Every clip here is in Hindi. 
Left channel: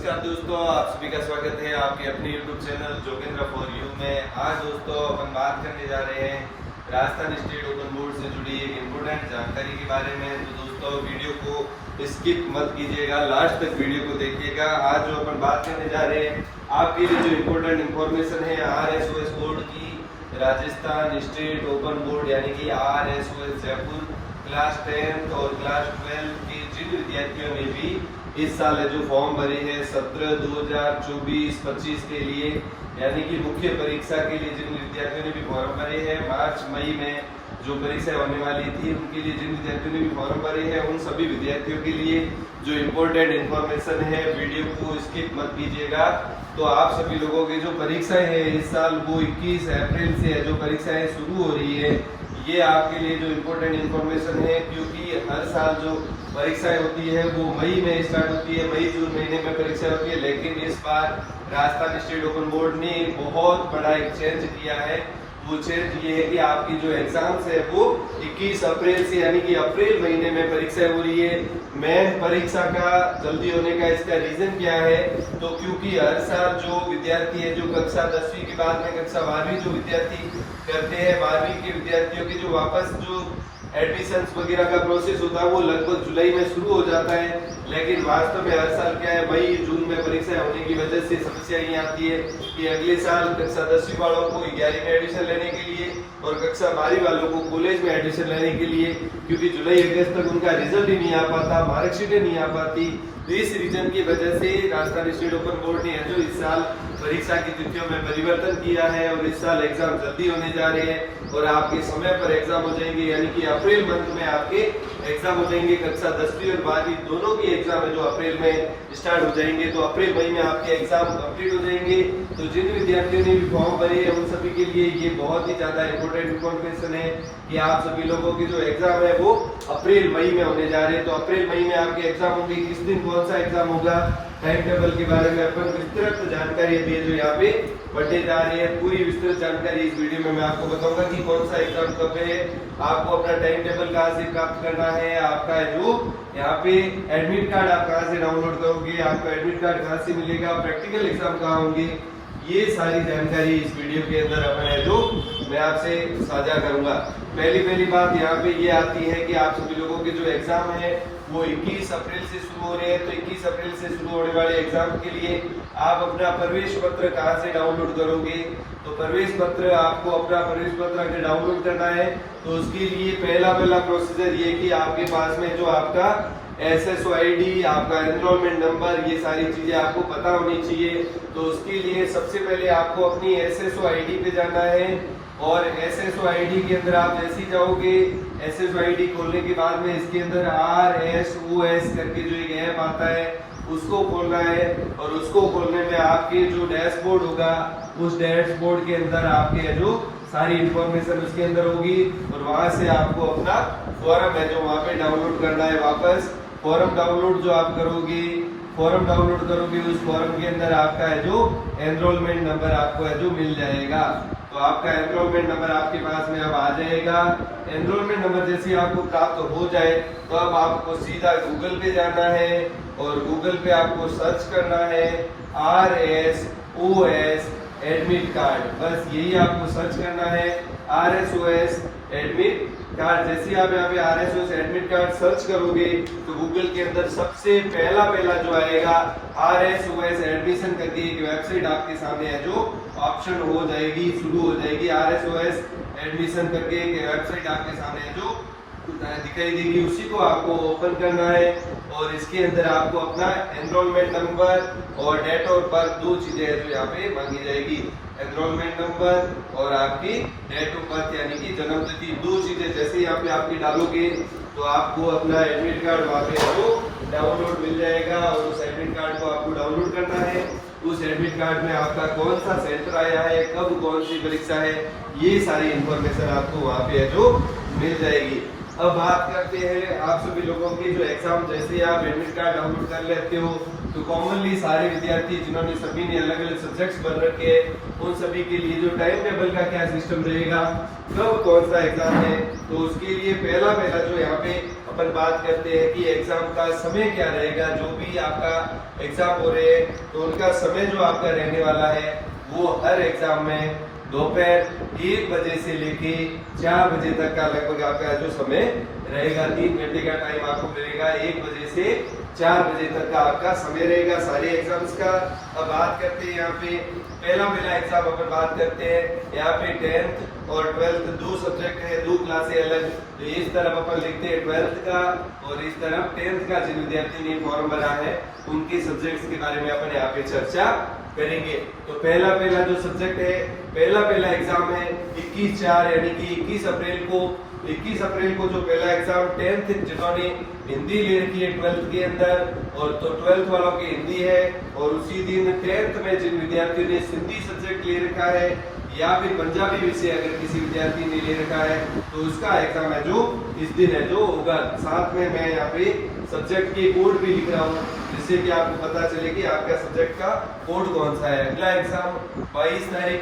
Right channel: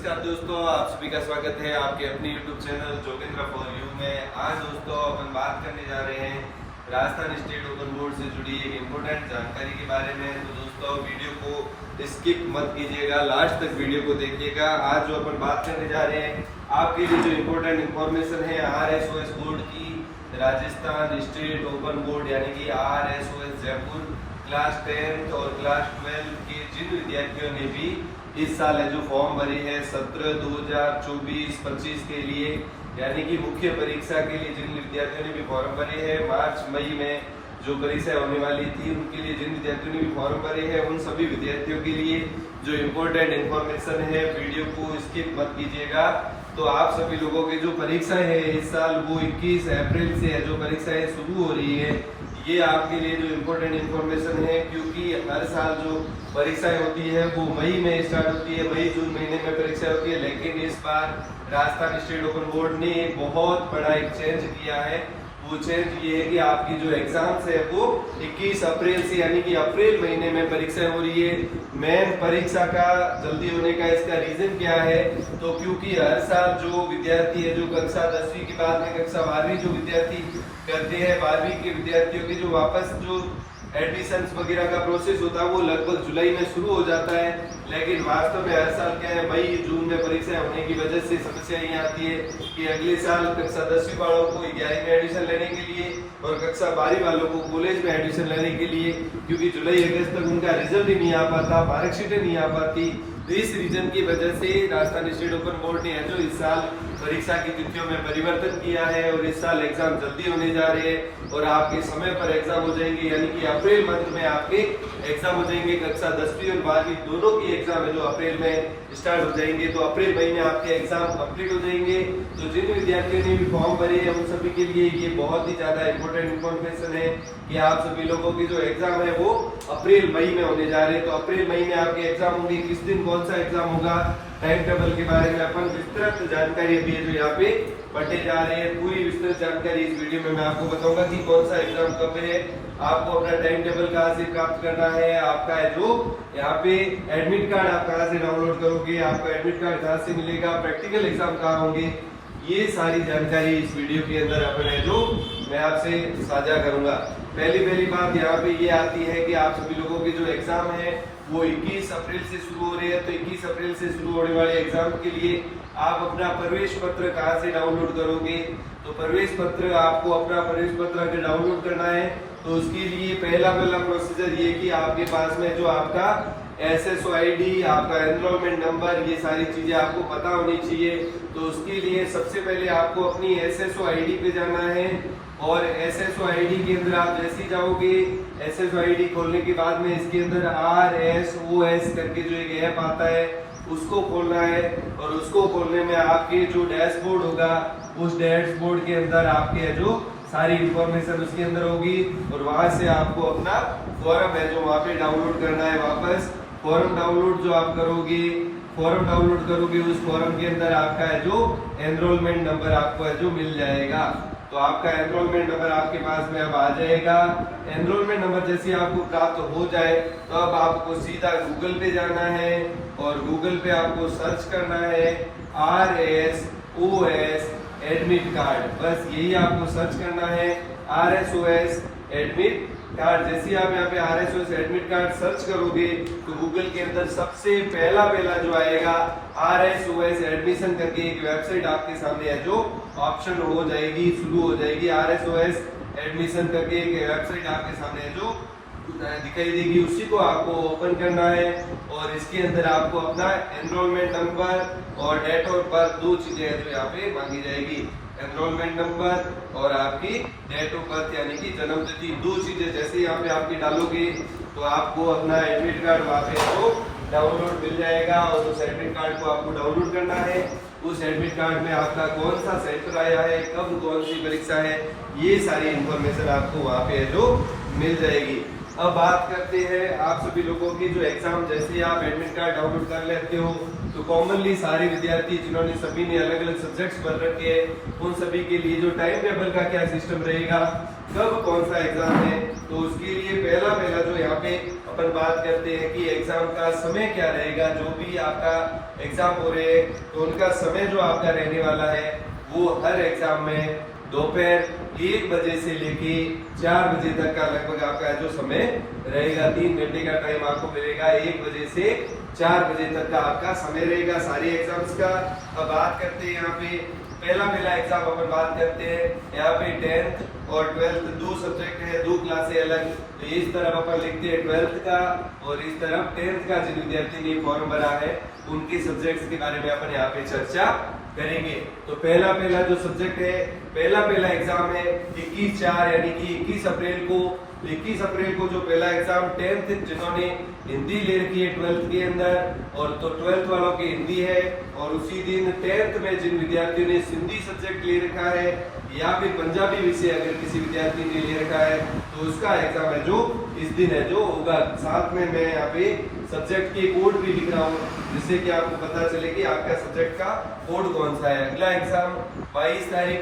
नमस्कार दोस्तों, आप सभी का स्वागत है आपके अपने YouTube channel Jogendra for you में। आज दोस्तों अपन बात करने जा रहे हैं राजस्थान स्टेट ओपन बोर्ड से जुड़ी एक इम्पोर्टेंट जानकारी के बारे में। तो दोस्तों वीडियो को स्किप मत कीजिएगा, लास्ट तक वीडियो को देखिएगा। आज जो अपन बात करने जा रहे हैं आपके लिए जो इम्पोर्टेंट इंफॉर्मेशन है RSOS बोर्ड की, राजस्थान स्टेट ओपन बोर्ड यानी कि RSOS जयपुर क्लास 10 और क्लास 12 के जिन विद्यार्थियों ने भी इस साल जो फॉर्म भरी है 2024-25 के लिए यानी कि मुख्य परीक्षा के लिए जिन विद्यार्थियों ने भी फॉर्म भरे हैं, मार्च मई में जो परीक्षा होने वाली थी उनके लिए जिन विद्यार्थियों ने भी फॉर्म भरे हैं, उन सभी विद्यार्थियों के लिए जो इम्पोर्टेंट इन्फॉर्मेशन है, वीडियो को स्किप मत कीजिएगा। तो आप सभी लोगों की जो परीक्षाएं हैं इस साल वो 21 अप्रैल से जो परीक्षाएं शुरू हो रही है, ये आपके लिए जो इम्पोर्टेंट इन्फॉर्मेशन है, क्योंकि हर साल जो परीक्षाएं होती है वो मई में स्टार्ट होती है, मई जून महीने में परीक्षा होती है। लेकिन इस बार राजस्थान स्टेट ओपन बोर्ड ने बहुत बड़ा एक चेंज किया है। वो चेंज ये है कि आपकी जो एग्जाम्स है वो 21 अप्रैल से यानी कि अप्रैल महीने में परीक्षा हो रही है। मेन परीक्षा का जल्दी होने का इसका रीजन क्या है, तो क्योंकि हर साल जो विद्यार्थी है जो कक्षा 10वीं के बाद में कक्षा 12वीं जो विद्यार्थी करते हैं, 12वीं के विद्यार्थियों की जो वापस जो एडमिशन वगैरह का प्रोसेस होता है वो लगभग जुलाई में शुरू हो जाता है। लेकिन वास्तव में हर साल क्या है, मई जून में परीक्षा होने की वजह से समस्या ये आती है कि अगले साल कक्षा 10वीं वालों को 11वीं में एडमिशन लेने के लिए और कक्षा 12वीं वालों को कॉलेज में एडमिशन लेने के लिए, क्योंकि जुलाई अगस्त तक उनका रिजल्ट ही नहीं आ पाता, मार्कशीट नहीं आ पाती। तो इस रीजन की वजह से राजस्थान स्टेट ओपन बोर्ड ने जो इस साल परीक्षा की तिथियों में परिवर्तन किया है और इस साल एग्जाम जल्दी होने जा रहे हैं और आपके समय पर एग्जाम हो जाएंगे, यानी कि अप्रैल मंथ में आपके एग्जाम हो जाएंगे। कक्षा 10वीं और 12वीं दोनों की एग्जाम है जो अप्रैल में स्टार्ट हो जाएंगे, तो अप्रैल मई में आपके एग्जाम कंप्लीट हो जाएंगे। तो जिन विद्यार्थियों ने भी फॉर्म भरे हैं उन सभी के लिए ये बहुत ही ज्यादा इंपॉर्टेंट इन्फॉर्मेशन है कि आप सभी लोगों की जो एग्जाम है वो अप्रैल मई में होने जा रहे हैं। तो अप्रैल मई में आपके एग्जाम होंगे, किस दिन कौन सा एग्जाम होगा, टाइम टेबल के बारे में अपन विस्तृत जानकारी अभी जो यहाँ पे बढ़ते जा रहे हैं। पूरी विस्तृत जानकारी इस वीडियो में मैं आपको बताऊंगा कि कौन सा एग्जाम कब है, आपको अपना टाइम टेबल कहाँ से प्राप्त करना है, आपका जो यहाँ पे एडमिट कार्ड आप कहाँ से डाउनलोड करोगे, आपको एडमिट कार्ड कहाँ से मिलेगा, प्रैक्टिकल एग्जाम कहाँ होंगे, ये सारी जानकारी इस वीडियो के अंदर अपन है जो मैं आपसे साझा करूंगा। पहली बात यहाँ पे ये आती है कि आप सभी लोगों के जो एग्जाम है वो 21 अप्रैल से शुरू हो रहे हैं। तो 21 अप्रैल से शुरू होने वाले एग्जाम के लिए आप अपना प्रवेश पत्र कहाँ से डाउनलोड करोगे, तो प्रवेश पत्र आपको अपना प्रवेश पत्र अगर डाउनलोड करना है तो उसके लिए पहला प्रोसीजर ये कि आपके पास में जो आपका SSO ID, आपका एनरोलमेंट नंबर, ये सारी चीजें आपको पता होनी चाहिए। तो उसके लिए सबसे पहले आपको अपनी SSO ID पे जाना है और SSO ID के अंदर आप जैसे ही जाओगे, SSO ID खोलने के बाद में इसके अंदर RSOS करके जो एक ऐप आता है उसको खोलना है और उसको खोलने में आपके जो डैशबोर्ड होगा उस डैशबोर्ड के अंदर आपके जो सारी इंफॉर्मेशन उसके अंदर होगी और वहां से आपको अपना फॉर्म है जो वहां पे डाउनलोड करना है। वापस फॉर्म डाउनलोड जो आप करोगे, फॉर्म डाउनलोड करोगे उस फॉर्म के अंदर आपका है जो एनरोलमेंट नंबर आपको है जो मिल जाएगा। तो आपका एनरोलमेंट नंबर आपके पास में अब आ जाएगा। एनरोलमेंट नंबर जैसे आपको प्राप्त हो जाए तो अब आपको सीधा गूगल पे जाना है और गूगल पे आपको सर्च करना है RSOS एडमिट कार्ड, बस यही आपको सर्च करना है RSOS एडमिट कार्ड। जैसे आप यहाँ पे RSOS एडमिट कार्ड सर्च करोगे तो गूगल के अंदर सबसे पहला जो आएगा RSOS एडमिशन करके एक वेबसाइट आपके सामने है जो ऑप्शन हो जाएगी, शुरू हो जाएगी। RSOS एडमिशन करके एक वेबसाइट आपके सामने है जो दिखाई देगी, उसी को आपको ओपन करना है और इसके अंदर आपको अपना एनरोलमेंट नंबर और डेट ऑफ बर्थ, दो चीजें हैं जो यहाँ पे मांगी जाएगी, एनरोलमेंट नंबर और आपकी डेट ऑफ बर्थ यानी कि जन्म तिथि, दो चीजें जैसे ही यहाँ पे आपकी डालोगे तो आपको अपना एडमिट कार्ड वहाँ पे आपको डाउनलोड मिल जाएगा और उस एडमिट कार्ड को आपको डाउनलोड करना है। उस एडमिट कार्ड में आपका कौन सा सेंटर आया है, कब कौन सी परीक्षा है, ये सारी इंफॉर्मेशन आपको वहाँ पे जो मिल जाएगी। अब बात करते हैं आप सभी लोगों की जो एग्जाम, जैसे ही आप एडमिट कार्ड डाउनलोड कर लेते हो तो कॉमनली सारे विद्यार्थी जिन्होंने सभी ने अलग अलग सब्जेक्ट्स भर रखे हैं उन सभी के लिए जो टाइम टेबल का क्या सिस्टम रहेगा, कब कौन सा एग्जाम है, तो उसके लिए पहला जो यहाँ पे अपन बात करते हैं कि एग्जाम का समय क्या रहेगा। जो भी आपका एग्जाम हो रहे हैं तो उनका समय जो आपका रहने वाला है वो हर एग्जाम में दोपहर 1 बजे से लेके 4 बजे तक का लगभग आपका जो समय रहेगा, 3 घंटे का टाइम आपको मिलेगा। 1 बजे से 4 बजे तक का आपका समय रहेगा सारे एग्जाम्स का। अब बात करते हैं यहाँ पे पहला एग्जाम अपन बात करते हैं। यहाँ पे 10th और 12th दो सब्जेक्ट है, दो क्लासें अलग। तो इस तरफ अपन लिखते हैं 12th का और इस तरफ 10th का। जिन विद्यार्थी ने फॉर्म भरा है उनके सब्जेक्ट्स के बारे में अपन यहाँ पे चर्चा करेंगे। तो पहला जो सब्जेक्ट है, पहला एग्जाम है 21/4 यानी कि 21 अप्रैल को जो पहला एग्जाम 10th जिन्होंने हिंदी ले रखी है 12th के अंदर, और तो 12th वालों की हिंदी है। और उसी दिन 10th में जिन विद्यार्थियों ने सिंधी सब्जेक्ट ले रखा है या फिर पंजाबी विषय अगर किसी विद्यार्थी ने ले रखा है तो उसका एग्जाम है जो इस दिन है जो होगा। साथ में मैं यहाँ पे सब्जेक्ट के कोड भी लिख रहा हूँ जिससे कि आपको पता चले कि आपका सब्जेक्ट का कोड कौन सा है। अगला एग्जाम 22 तारीख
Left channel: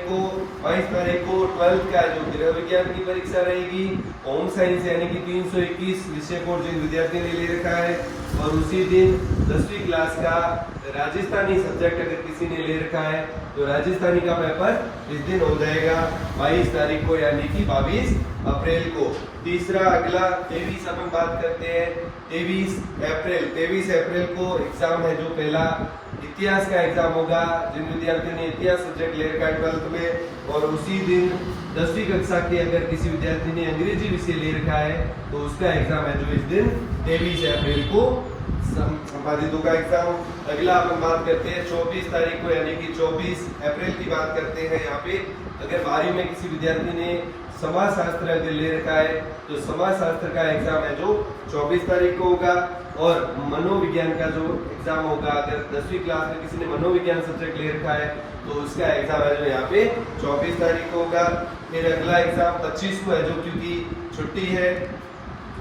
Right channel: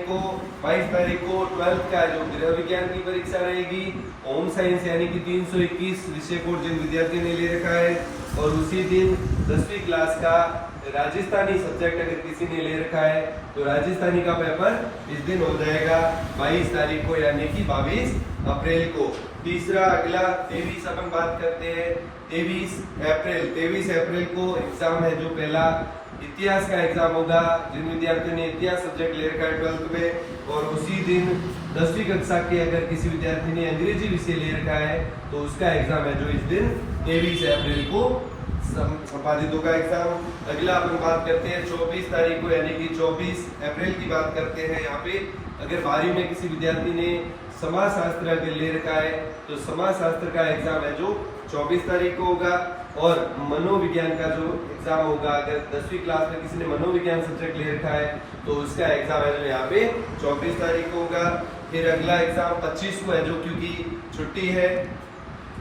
को 12th का जो गृह विज्ञान की परीक्षा रहेगी। होम साइंस यानी कि 321 विषय कोड जिन विद्यार्थी ने ले रखा है, और उसी दिन 10वीं क्लास का राजस्थानी सब्जेक्ट अगर किसी ने ले रखा है तो राजस्थानी का पेपर इस दिन हो जाएगा 22 तारीख को यानी कि 22 अप्रैल को। तीसरा अगला 23 अपन बात करते हैं। 23 अप्रैल को एग्जाम है जो पहला इतिहास का एग्जाम होगा जिन विद्यार्थियों ने इतिहास सब्जेक्ट ले रखा है 12th में। और उसी दिन 10वीं कक्षा के अगर किसी विद्यार्थी ने अंग्रेजी विषय ले रखा है तो उसका एग्जाम है जो इस दिन 23 अप्रैल को संपादित होगा एग्जाम। अगला अपन बात करते हैं 24 तारीख को यानी कि 24 अप्रैल की बात करते हैं। यहाँ पे अगर 12वीं में किसी विद्यार्थी ने समाज शास्त्र अगर ले रखा है तो समाज शास्त्र का एग्जाम है जो 24 तारीख को होगा। और मनोविज्ञान का जो एग्जाम होगा अगर 10वीं क्लास में किसी ने मनोविज्ञान सब्जेक्ट ले रखा है तो उसका एग्जाम है जो यहाँ पे 24 तारीख को होगा। फिर अगला एग्जाम 25 को है जो क्योंकि छुट्टी है।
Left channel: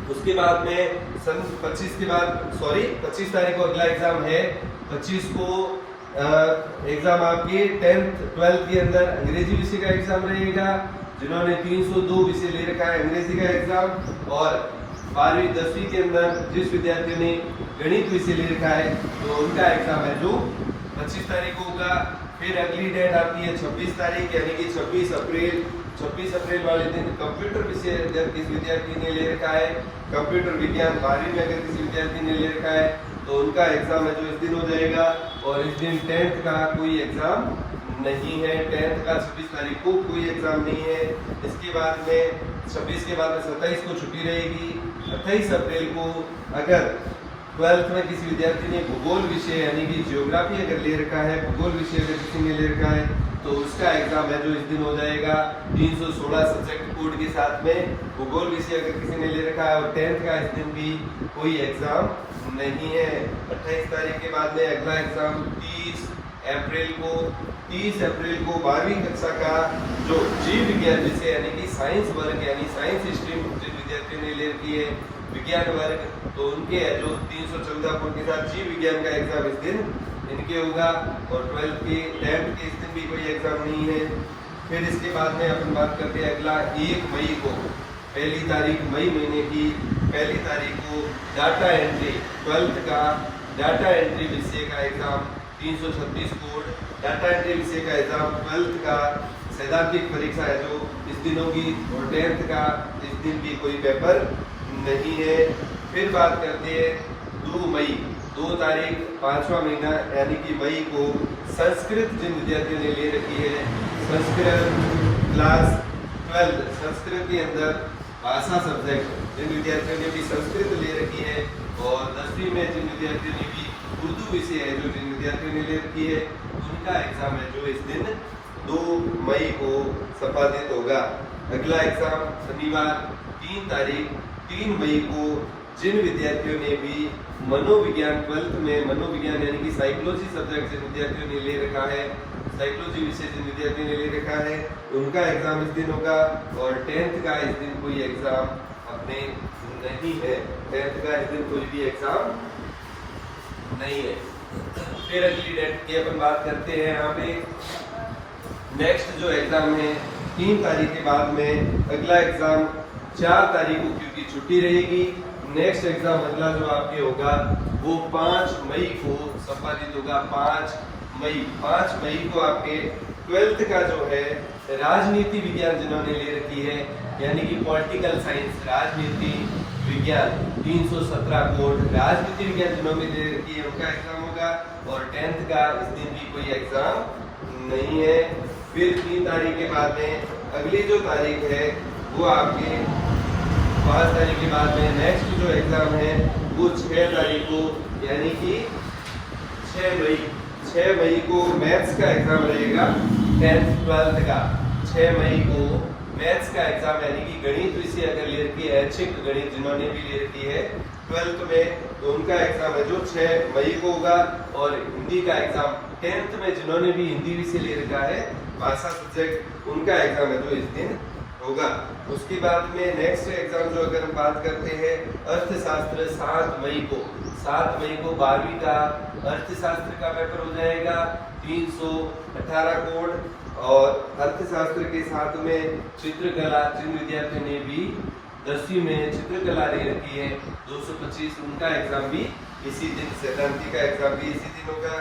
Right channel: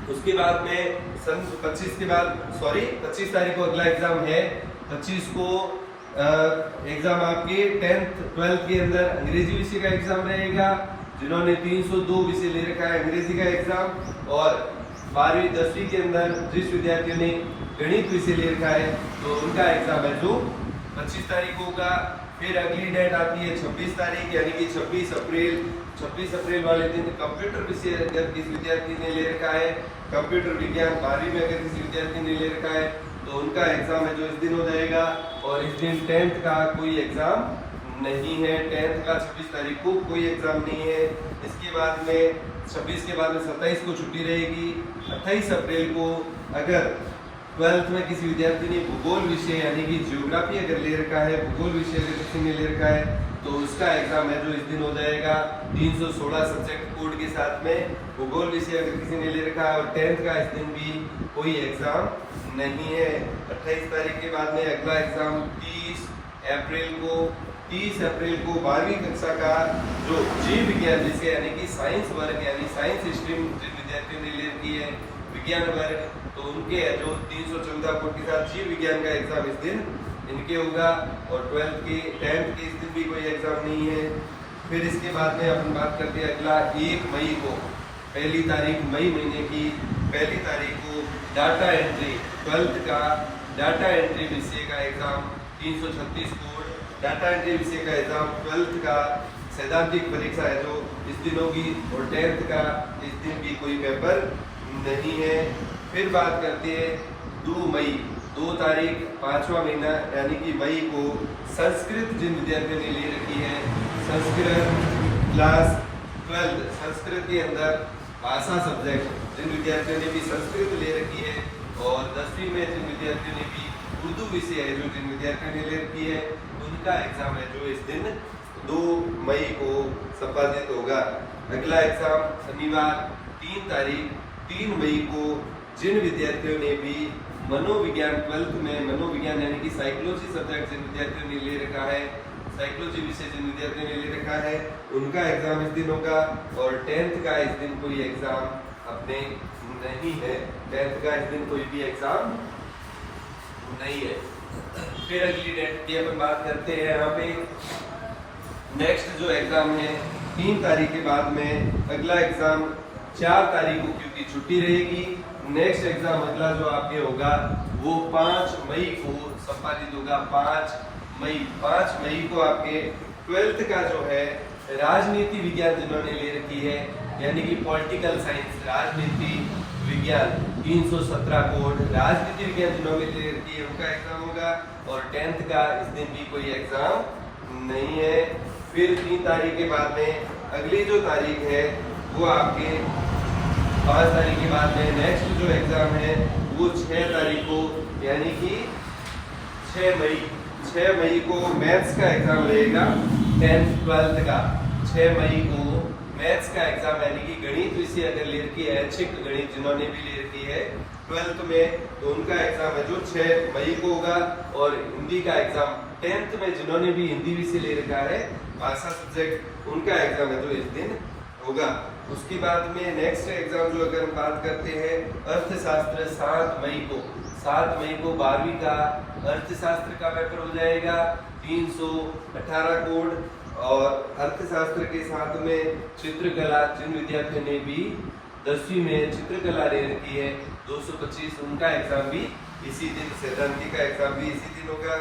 उसके बाद में 25 तारीख को अगला एग्जाम है। 25 को एग्जाम आपके 10th 12th के अंदर अंग्रेजी विषय का एग्जाम रहेगा। जिन्होंने 302 विषय ले रखा है अंग्रेजी का एग्जाम। और 12वीं 10वीं के अंदर जिस विद्यार्थियों ने गणित विषय ले रखा है तो उनका एग्जाम है जो 25 तारीख को होगा। फिर अगली डेट आती है 26 तारीख यानी कि 26 अप्रैल वाले दिन कंप्यूटर विषय अगर किसी विद्यार्थी ने ले रखा है, कंप्यूटर विज्ञान 12वीं में अगर किसी विद्यार्थी ने ले रखा है तो उनका एग्जाम है जो इस दिन हो जाएगा। और इस दिन 10th का कोई एग्जाम नहीं है, 10th का 26 तारीख को कोई एग्जाम नहीं है। इसके बाद में 26 के बाद में 27 को छुट्टी रहेगी। 28 अप्रैल को अगर 12th में किसी विद्यार्थी ने भूगोल विषय यानी कि ज्योग्राफी अगर ले रखा है, भूगोल विषय अगर किसी ने ले रखा है तो उसका एग्जाम है जो इस दिन हो जाएगा 316 सब्जेक्ट कोड के साथ में भूगोल विषय अगर किसी ने ले रखा है। और 10th का इस दिन भी कोई एग्जाम नहीं है। 28 तारीख के बाद में अगला एग्जाम 30 अप्रैल को 12वीं कक्षा का जो जीव विज्ञान विषय यानी कि साइंस वर्ग यानी साइंस स्ट्रीम जिन विद्यार्थियों ने ले रखी है विज्ञान वर्ग तो उनके जो 314 कोड के साथ जीव विज्ञान का एग्जाम इस दिन इनके होगा। और 10th के इस दिन भी कोई एग्जाम नहीं है। फिर इसके बाद में अपन बात करते हैं अगला 1 मई को, पहली तारीख मई महीने की पहली तारीख को डाटा एंट्री 12th का डाटा एंट्री विषय का एग्जाम 336 कोड डाटा एंट्री विषय का एग्जाम 12th का सैद्धांतिक परीक्षा है जो इस दिन होगी। और 10th का इस दिन भी कोई पेपर नहीं है। फिर बात करते हैं 2 मई 2 तारीख 5वां महीना यानी कि मई को संस्कृत जिन विद्यार्थियों ने ले रखी है संस्कृत क्लास 12 संस्कृत के अंदर भाषा सब्जेक्ट जिन विद्यार्थियों ने भी संस्कृत ले रखी है। और 10वीं में जिन विद्यार्थियों ने भी उर्दू विषय है जो जिन विद्यार्थियों ने ले रखी है उनका एग्जाम है जो इस दिन 2 मई को संपादित होगा। अगला एग्जाम शनिवार 3 मई को जिन विद्यार्थियों ने भी मनोविज्ञान 12th में मनोविज्ञान यानी कि साइकोलॉजी सब्जेक्ट जिन विद्यार्थियों ने ले रखा है साइकोलॉजी विषय जिन विद्यार्थियों ने ले रखा है उनका एग्जाम इस दिन होगा। और 10th का इस दिन कोई एग्जाम अपने नहीं है, 10th का इस दिन कोई भी एग्जाम नहीं है। फिर अगली डेट की अपन बात करते हैं। यहाँ पे नेक्स्ट जो एग्जाम है 3 तारीख के बाद में अगला एग्जाम 4 तारीख को क्योंकि छुट्टी रहेगी। नेक्स्ट एग्जाम अगला जो आपके होगा वो 5 मई को संपादित होगा। 5 मई को आपके 12th का जो है राजनीति विज्ञान जिन्होंने ले रखी है, यानी कि पॉलिटिकल साइंस राजनीति विज्ञान 317 कोड राजनीति विज्ञान जिन्होंने ले रखी है उनका एग्जाम होगा। और 10th का इस दिन भी कोई एग्जाम नहीं है। फिर 3 तारीख के बाद में अगली जो तारीख है वो आपके 5 तारीख के बाद में नेक्स्ट जो एग्जाम है वो 6 तारीख को, यानी कि 6 मई को मैथ्स का एग्जाम रहेगा। 10th 12th का 6 मई को मैथ्स का एग्जाम, यानी कि गणित विषय अगर ले रखी है, ऐच्छिक गणित जिन्होंने भी ले रखी है 12th में, तो उनका एग्जाम है जो 6 मई को होगा। और हिंदी का एग्जाम 10th में जिन्होंने भी हिंदी विषय ले रखा है, भाषा सब्जेक्ट, उनका एग्जाम है जो इस दिन होगा। उसके बाद में नेक्स्ट एग्जाम जो अगर बात करते हैं अर्थशास्त्र 7 मई को 12वीं का अर्थशास्त्र का पेपर हो जाएगा। 318 कोड और अर्थशास्त्र के साथ में चित्रकला, जिन विद्यार्थियों ने भी 10वीं में चित्रकला ले रखी है 225, उनका एग्जाम भी इसी दिन, सैद्धांतिक का एग्जाम भी इसी दिन होगा।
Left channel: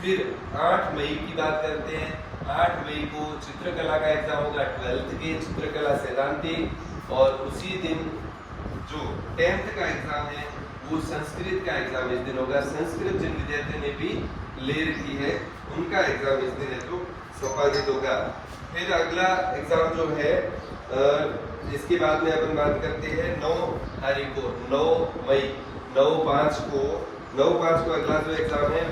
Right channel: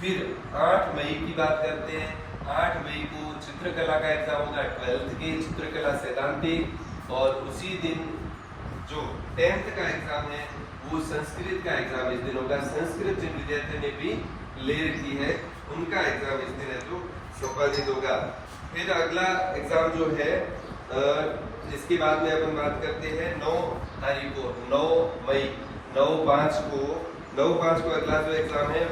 फिर 8 मई की बात करते हैं। 8 मई को चित्रकला का एग्जाम होगा 12th के चित्रकला सैद्धांतिक। और उसी दिन जो 10th का एग्जाम है वो संस्कृत का एग्जाम इस दिन होगा। संस्कृत जिन विद्यार्थियों ने भी ले रखी है उनका एग्जाम इस दिन है जो संपादित होगा। फिर अगला एग्जाम जो है इसके बाद में अपन बात करते हैं 9 तारीख को 9 मई 9/5 को अगला जो एग्जाम है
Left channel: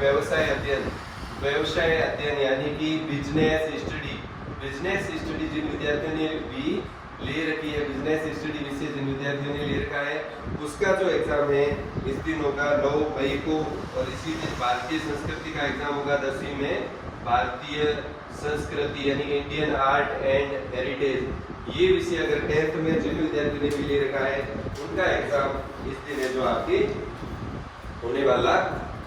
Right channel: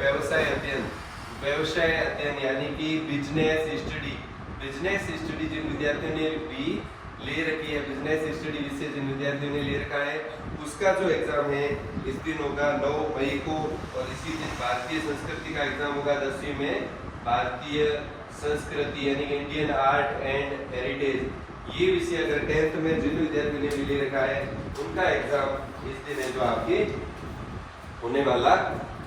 व्यवसाय अध्ययन यानी कि बिजनेस स्टडी जिन विद्यार्थियों ने भी ले रखी है, बिजनेस स्टडी विषय जिन विद्यार्थियों ने ले रखा है उसका जो एग्जाम है इस दिन होगा 9 मई को। और इसी दिन भारतीय संस्कृति का एग्जाम होगा 10वीं में। भारतीय संस्कृति यानी इंडियन आर्ट एंड हेरिटेज, ये विषय अगर 10th में जिन विद्यार्थियों ने भी ले रखा है उनका एग्जाम इस दिन है जो आपके होने वाला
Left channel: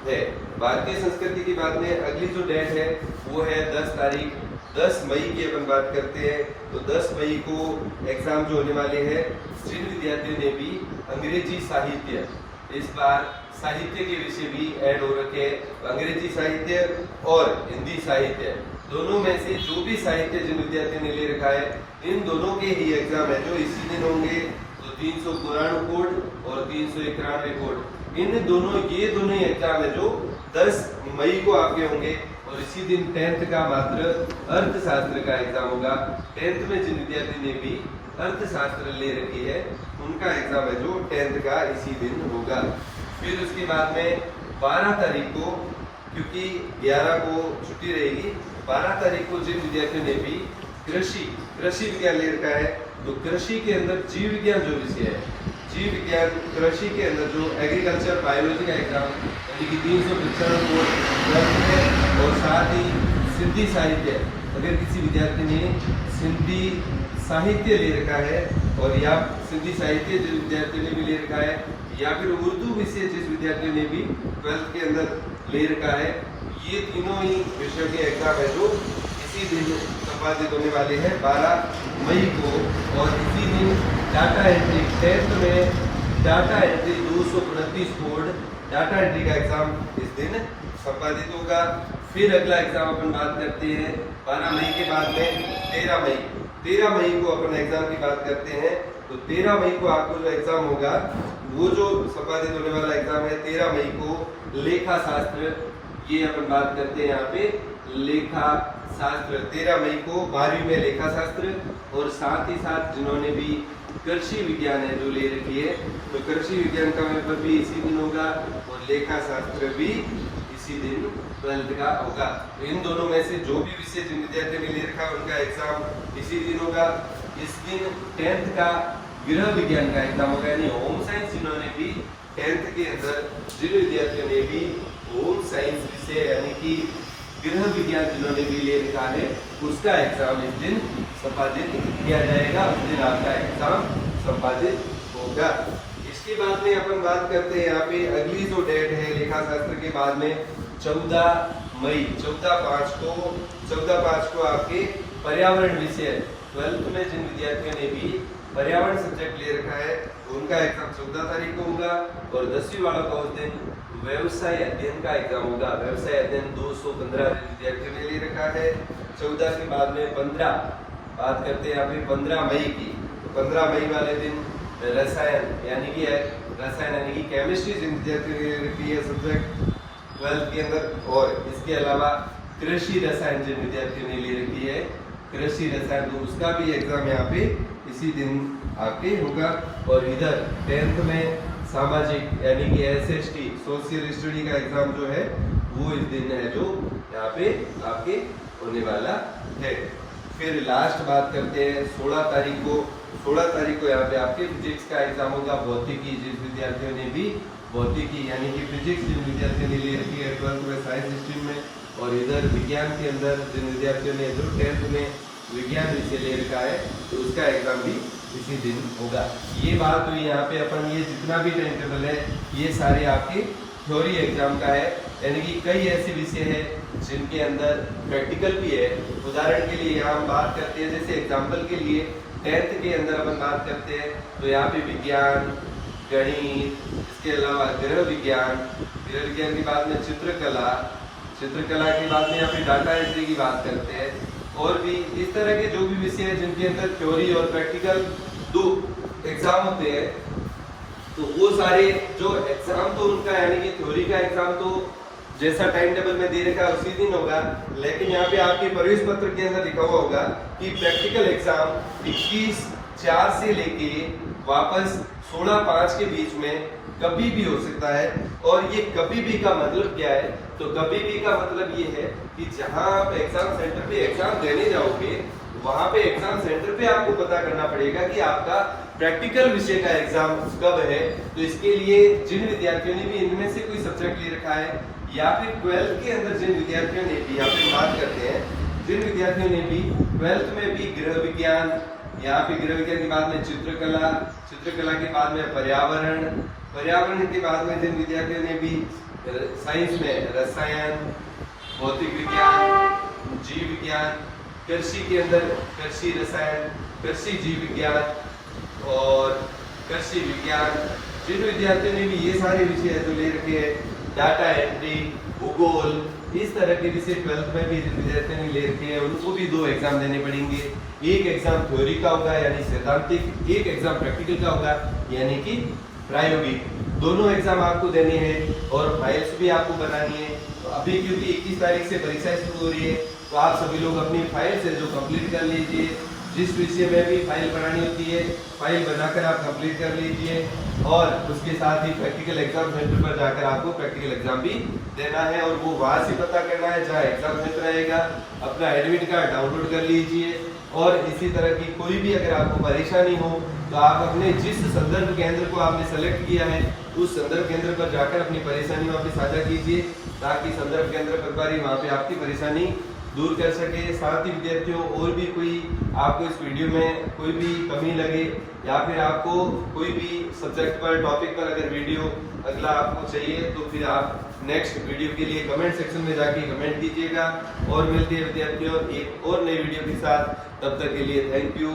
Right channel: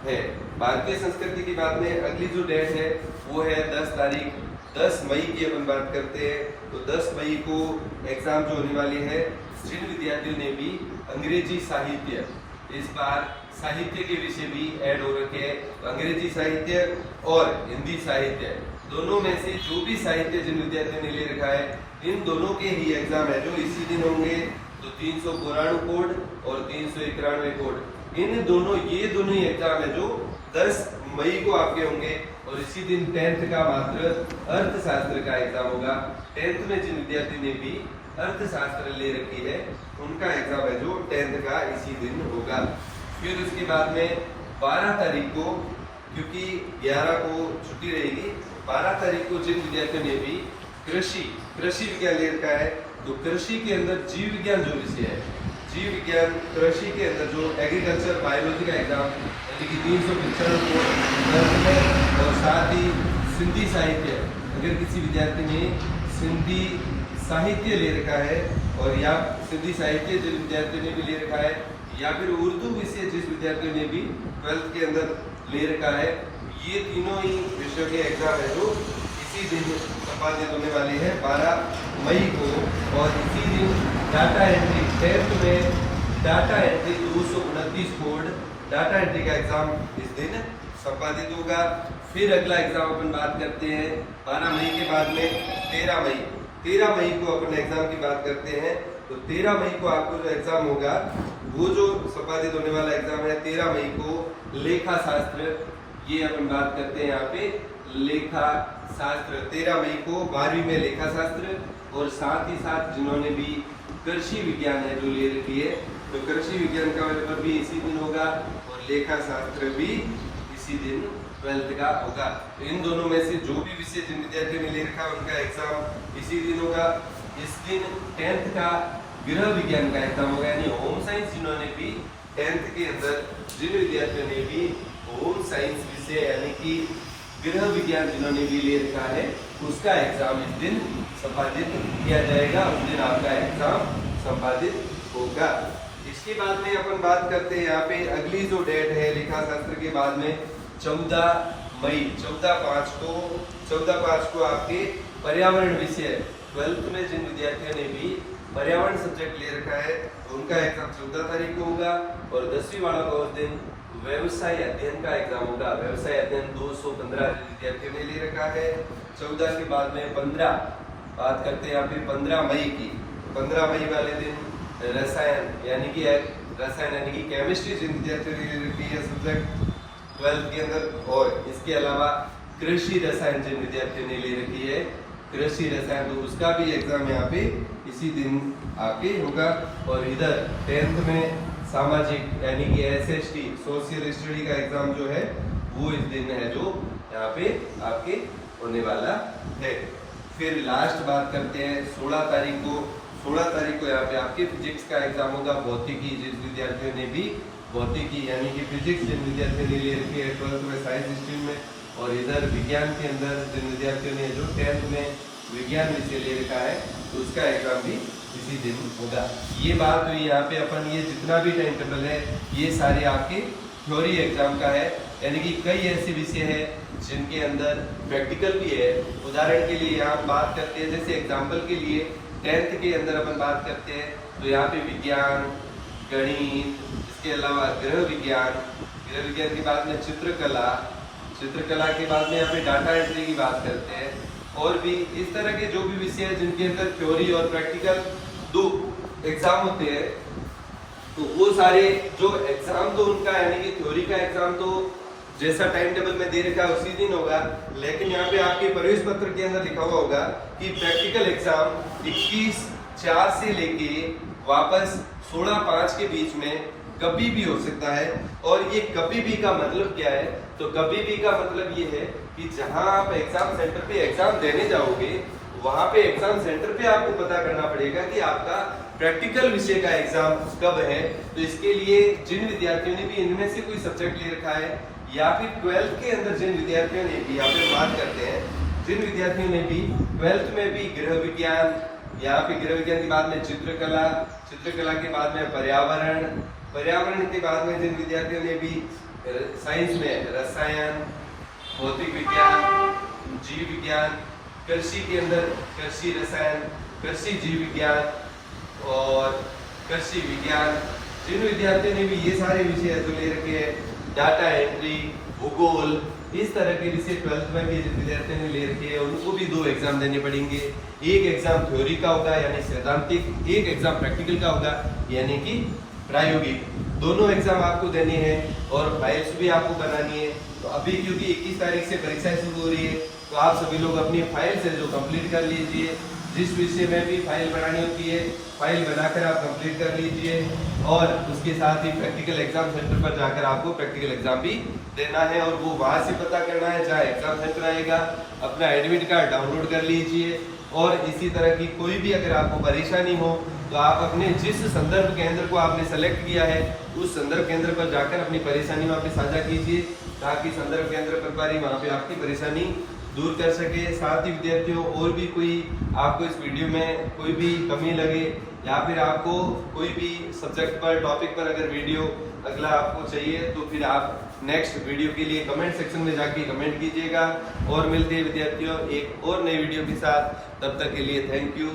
है। भारतीय संस्कृति की बात में अगली जो डेट है वो है 10 मई की अपन बात करते हैं। तो 10 मई को एग्जाम जो होने वाली है, जिन विद्यार्थियों ने भी अंग्रेजी साहित्य, इस बार साहित्य के विषय भी ऐड हो रखे हैं, अंग्रेजी साहित्य और हिंदी साहित्य दोनों में से जो भी साहित्य जिन विद्यार्थियों ने ले रखा है इन दोनों के ही एग्जाम है जो इसी दिन होंगे। तो 392 कोड और 391 कोड, इन दोनों ये दोनों ही एग्जाम है जो 10 मई को आपके होंगे। और इसी दिन 10th का मात्र अर्थशास्त्र का एग्जाम होगा। 10th में जिन विद्यार्थी ने भी अर्थशास्त्र ले रखी है उनका एग्जाम है जो 10th का इसी दिन होगा। फिर उसके बाद में 12 तारीख को, क्योंकि 11 को छुट्टी रहेगी, 12 तारीख को जिन विद्यार्थियों ने भी कृषि विज्ञान ले रखा है, तो कृषि के अंदर जीव विज्ञान जो विषय है, जीव विज्ञान कृषि के अंदर जो एग्रीकल्चर बायोलॉजी का एग्जाम यानी कि 395 को है। और साथ ही सिंधी साहित्य, अगर किसी विद्यार्थी ने सिंधी साहित्य ले रखा है और या सिंधी साहित्य जिन विद्यार्थियों ने भी ले रखा है, या फिर उर्दू विषय जिस विद्यार्थियों ने भी 12th के अंदर ले रखा है, ये तीनों ही विषयों के एग्जाम है जो इसी दिन संपादित होने वाले हैं 12 मई को। और इसी दिन डाटा एंट्री 10th में data entry 229 code data entry का एग्जाम इस दिन संपादित होगा। फिर अगला एग्जाम अपन बात करते हैं 12 मई के बाद में 13 मई को अपन एग्जाम की बात करते हैं। तो 13 मई को आपको जो एग्जाम होगा वो जो संपादित होने वाला एग्जाम है 13 मई को लेखा शास्त्र, ये अपन बात करते हैं यहाँ पे लेखा शास्त्र 13 मई को 12वीं में लेखा शास्त्र। और साथ ही साथ जिन्होंने भी कृषि विज्ञान है जो ले रखी है, तो कृषि विज्ञान का पेपर भी इसी दिन होगा और लेखा शास्त्र भी इसी दिन 12th का होगा। इन दोनों में से जो भी विषय जिन विद्यार्थियों ने ले रखा है उनका एग्जाम इसी दिन होगा। इस दिन 10th का गृह विज्ञान का एग्जाम होगा, यानी होम साइंस जिन्होंने भी 10th के अंदर जिन विद्यार्थियों ने भी होम साइंस विषय यानी कि गृह विज्ञान जिन्होंने भी ले रखा है उसका एग्जाम इस दिन संपादित किया जाएगा, उस दिन आपका एग्जाम संपादित होगा। इसके बाद में अपन बात करते हैं यहाँ पे अगली जो डेट है लेखा शास्त्र के बाद में 14 मई 14/5 को आपके पर्यावरण विषय 12th में जिन विद्यार्थियों ने भी पर्यावरण सब्जेक्ट ले रखा है, उनका एग्जाम 14 तारीख को होगा। और 10वीं वालों का उस दिन व्यवसाय अध्ययन का एग्जाम होगा। व्यवसाय अध्ययन 215 विद्यार्थियों ने ले रखा है। 14 के बाद में 15 बात करते हैं यहाँ पे 15 मई की। तो 15 मई वाले दिन रसायन यानी कि केमिस्ट्री जिन विद्यार्थियों ने ले रखी है सब्जेक्ट 12th के अंदर, और इसके अलावा कृषि रसायन जिन विद्यार्थियों ने ले रखी है कृषि रसायन, तो उसका भी एग्जाम यहाँ पे इसी दिन आके होगा। और इधर 10th में सामाजिक यानी कि SST सोशल स्टडी का एग्जाम जो है वो इस दिन है जो यहाँ पे आपके होने वाला है। फिर लास्ट बात करते हैं 16 तारीख को यहाँ पे आपके फिजिक्स का एग्जाम होगा। भौतिकी जिन विद्यार्थियों ने भी भौतिकी यानी कि फिजिक्स जिन विद्यार्थियों ने ले रखी है 12th में साइंस स्ट्रीम में, और इधर विज्ञान के अंदर जिन विद्यार्थियों ने जो 10th में विज्ञान विषय ले रखा है तो उसका एग्जाम भी इसी दिन होगा। ये बात हुई यहाँ पे अपन, ये जितना भी टाइम टेबल है ये सारे आपके थ्योरी एग्जाम का है, यानी कि कई ऐसे विषय हैं जिनके अंदर प्रैक्टिकल भी है। उदाहरण के लिए यहाँ हम बात करते हैं, जैसे एग्जाम्पल के लिए 10th के अंदर अपन बात करते हैं तो यहाँ पे विज्ञान, गणित, इसके अलावा गृह विज्ञान के बाद में चित्रकला के बाद में यहाँ पे डाटा एंट्री की बात करते हैं, और भी इस तरह के जो भी विषय हैं जिनके अंदर थ्योरी और प्रैक्टिकल 2 एग्जाम होते हैं, तो वो सारे जो एग्जाम तो उनका यानी कि थ्योरी का एग्जाम तो जैसा टाइम टेबल में दे रखा है उसी दिन होगा, लेकिन यहाँ पे आपके प्रवेश पत्र के अंदर लिखा हुआ होगा कि प्रैक्टिकल एग्जाम 21/4 से लेके वापस 16/5 के बीच में कभी भी हो सकता है। और ये कभी भी का मतलब क्या है, तो कभी भी का मतलब ये है कि जहां आप एग्जाम सेंटर पे एग्जाम देने जाओगे वहां पे एग्जाम सेंटर पे आपको पता करना पड़ेगा कि आपका प्रैक्टिकल विषय का एग्जाम कब है। तो इसके लिए जिन विद्यार्थियों ने भी इनमें से कोई सब्जेक्ट ले रखा है या फिर 12th के अंदर जिन विद्यार्थियों ने भी, यहाँ पे बात करते हैं जिन विद्यार्थियों ने भी 12th में भी गृह विज्ञान, यहाँ पे गृह विज्ञान के बाद में चित्रकला के बाद में पर्यावरण के बाद में जिन विद्यार्थियों ने भी साइंस में रसायन, भौतिक विज्ञान, जीव विज्ञान, कृषि के अंदर कृषि रसायन, कृषि जीव विज्ञान और कृषि विज्ञान, जिन विद्यार्थियों ने भी ये सारे विषय तो ले रखे हैं, डाटा एंट्री, भूगोल, इस तरह के विषय 12th में भी जिन विद्यार्थियों ने ले रखे हैं उनको भी 2 एग्जाम देने पड़ेंगे। एक एग्जाम थ्योरी का होगा यानी सैद्धांतिक, एक एग्जाम प्रैक्टिकल का होगा यानी कि प्रायोगिक। दोनों एग्जाम आपको देने हैं और फाइल्स भी आपको बनानी है। तो अभी क्योंकि 21 तारीख से परीक्षाएं शुरू हो रही है तो आप सभी लोग अपनी फाइल से जो कंप्लीट कर लीजिए। जिस विषय में भी फाइल बनानी होती है फाइल बनाकर आप कंप्लीट कर लीजिए, और उसके साथ ही प्रैक्टिकल एग्जाम सेंटर पर जाकर आपको प्रैक्टिकल एग्जाम भी देना है और वो वहां से पता करना है जहाँ एग्जाम सेंटर आएगा। अपना एडमिट कार्ड डाउनलोड कर लीजिए। और इसी तरह की कोई भी अगर आपको परेशानी हो तो आप अपने जिस संदर्भ केंद्र को आपने सेलेक्ट किया है उस संदर्भ केंद्र पर जाकर अपनी परेशानी वहाँ पे साझा कीजिए, ताकि संदर्भ केंद्र प्रभारी वहाँ पे आपकी परेशानी दूर कर सके। साथ ही विद्यार्थियों, और भी कोई आपको इस वीडियो में कोई भी कमी लगे या फिर आपको कोई भी सब्जेक्ट पर टॉपिक पर अगर वीडियो अगला आपको चाहिए तो फिर आप नेक्स्ट वीडियो के लिए कमेंट सेक्शन में जाके कमेंट कीजिएगा। और मिलती है विद्यार्थियों एक और नई वीडियो के साथ, तब तक के लिए थैंक यू।